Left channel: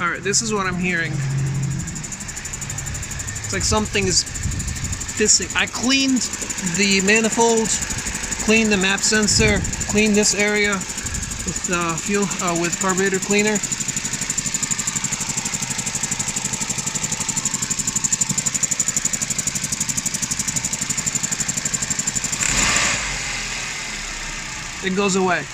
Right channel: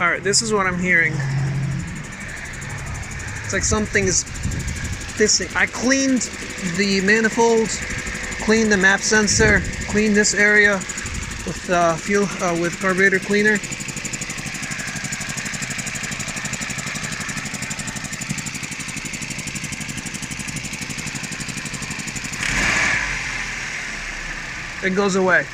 Alright, this is what I'm hearing. It's like something is pissing. I cleaned the manifold, cleaned the map sensor, cleaned this area with with carburetor cleaner. It goes away.